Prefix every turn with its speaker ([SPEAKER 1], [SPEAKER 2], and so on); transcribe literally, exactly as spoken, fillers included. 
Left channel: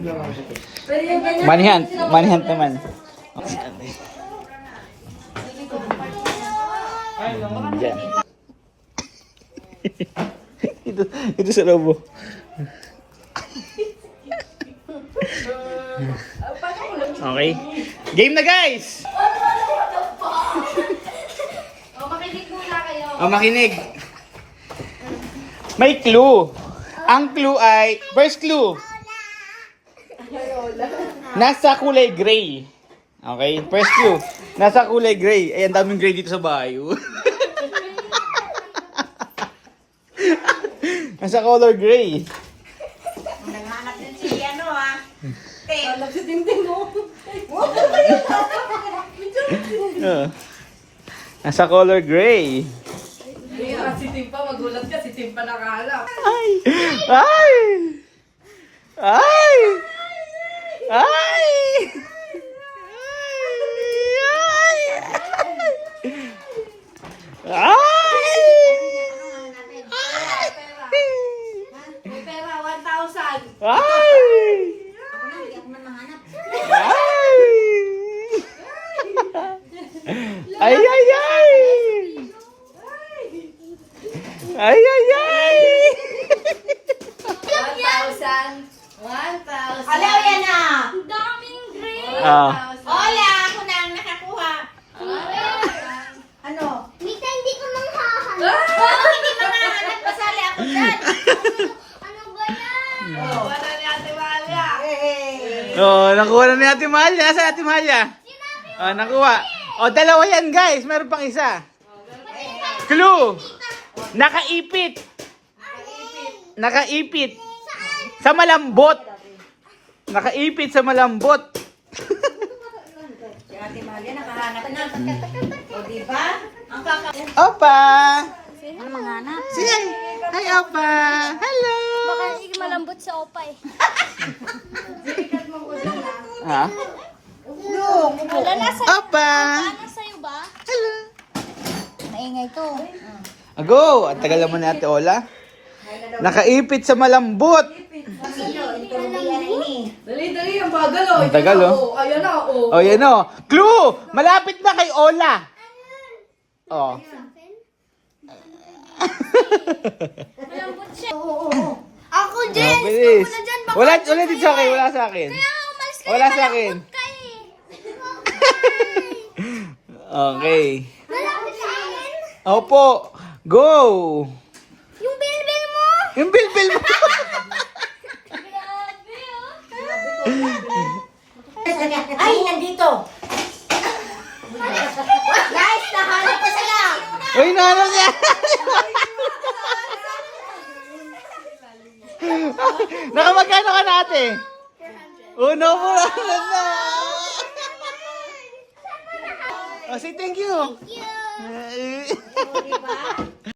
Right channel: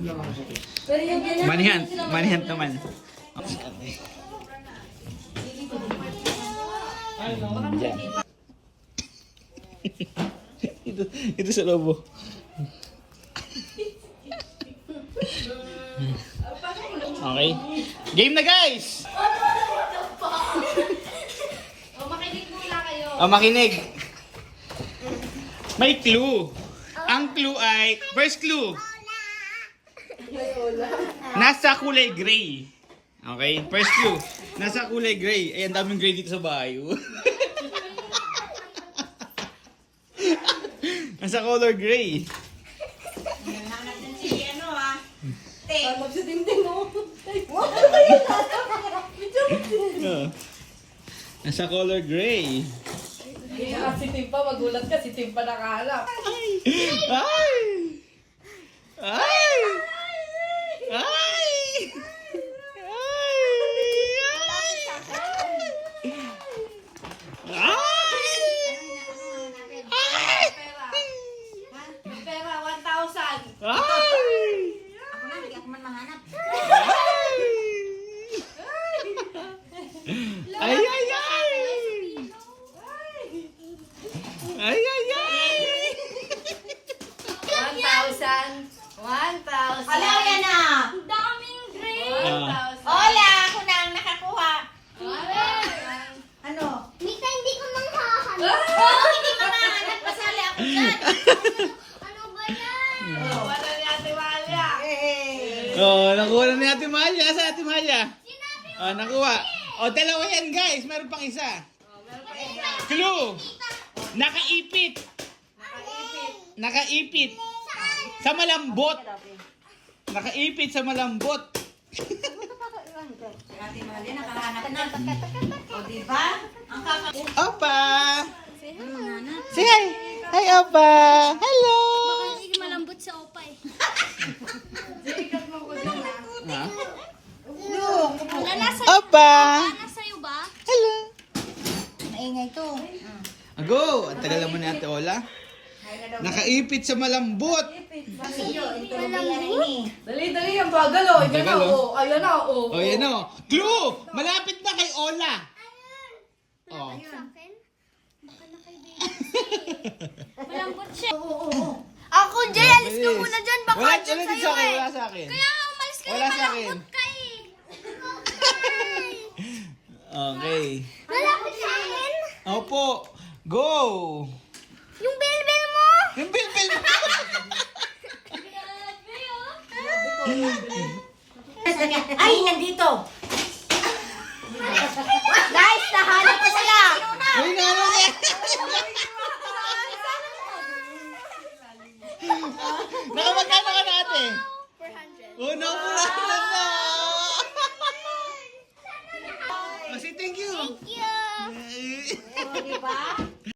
[SPEAKER 1] Manhunt. Manhunt naman. Okay. Diyan. ito, ito sa lobo. Okay. Game na guys!
[SPEAKER 2] O, makinig muna kayo.
[SPEAKER 1] O, makinig. May clue. Ang clue ay, first clue. Nasa kulay gray. Okay, first clue. Nasa kulay gray. Ay, ang daming gray dito sa bahay. Nasa color gray.
[SPEAKER 3] Naghanap din si ano ah.
[SPEAKER 1] Uh, nasa color gray.
[SPEAKER 2] Ah, si Tim pa, magulat ka. Si Tim pa nakahalap.
[SPEAKER 1] Ay! Ay! Ay! Ay! Ay!
[SPEAKER 2] May pera, one thousand.
[SPEAKER 1] Ay!
[SPEAKER 3] Ako na, hindi ako man mahanap.
[SPEAKER 1] Ay! Ay, ay, ay! Ay, ay, ay!
[SPEAKER 2] one thousand. one thousand.
[SPEAKER 3] Hello, yan na!
[SPEAKER 2] Ang daming green.
[SPEAKER 1] Ah.
[SPEAKER 3] Hola, ako na ang nakakuha. Ano?
[SPEAKER 4] Mita, hindi ko manghahanap.
[SPEAKER 3] Oo, hindi mahanap. Pasali ako dyan.
[SPEAKER 4] Ano ba yan?
[SPEAKER 2] Oh, wala ni Ate Malia.
[SPEAKER 1] Oh, nakuha na ni Ate Malia. Saan Ate Malia? Oh, nakuha. Oh, dalawa yan guys. Meron pang isa. Clue. Nakaipit. Nakaipit. Sa malambot. Nakaipit sa malambot.
[SPEAKER 3] Si Ate Malia nakahanap na. O, diba? Ang kaka...
[SPEAKER 1] Opa!
[SPEAKER 3] Ang manghanap.
[SPEAKER 1] Say hi! Hi, Opa! Hello!
[SPEAKER 4] Baka hindi malambot sa opay.
[SPEAKER 1] Ha?
[SPEAKER 4] Wala na sa...
[SPEAKER 1] Opa!
[SPEAKER 4] Wala sa'yo ba?
[SPEAKER 1] Hello!
[SPEAKER 4] Maingay to.
[SPEAKER 1] Ago! Ang tagal naman ni Ate Ola. Nakaipit sa malambot.
[SPEAKER 3] Sino? Yung tulubian na ini.
[SPEAKER 2] Dali, dali. Ang bagal, oh.
[SPEAKER 1] Ang tagal,
[SPEAKER 2] Yan,
[SPEAKER 1] oh.
[SPEAKER 2] Ayan na, oh.
[SPEAKER 1] O, yan o. Clue! Malapit na kay Ola. Oh.
[SPEAKER 4] Malambot siya. Oo, oo. Ako, Jay, alis ka
[SPEAKER 1] Bilis.
[SPEAKER 4] muna dyan. Baka
[SPEAKER 1] Wala,
[SPEAKER 4] dyan
[SPEAKER 1] wala din
[SPEAKER 4] kayo
[SPEAKER 1] sa akin.
[SPEAKER 4] eh.
[SPEAKER 1] Wala sa akin.
[SPEAKER 4] Kaya umalis ka
[SPEAKER 1] Wala
[SPEAKER 4] na,
[SPEAKER 1] sa akin.
[SPEAKER 4] malambot ka eh.
[SPEAKER 1] Okay.
[SPEAKER 4] Malambot sa akin?
[SPEAKER 1] Opo. Go!
[SPEAKER 4] Yung bilbil mo.
[SPEAKER 1] Yung bilbil mo.
[SPEAKER 3] Ay, nandito. Guys, nahanap ko sila.
[SPEAKER 1] Uy, nalang niya. Nakamagkano ka natin? Uno mo lang na. Oh, say thank you.
[SPEAKER 4] Yeah.
[SPEAKER 1] Eh,
[SPEAKER 3] O, diba?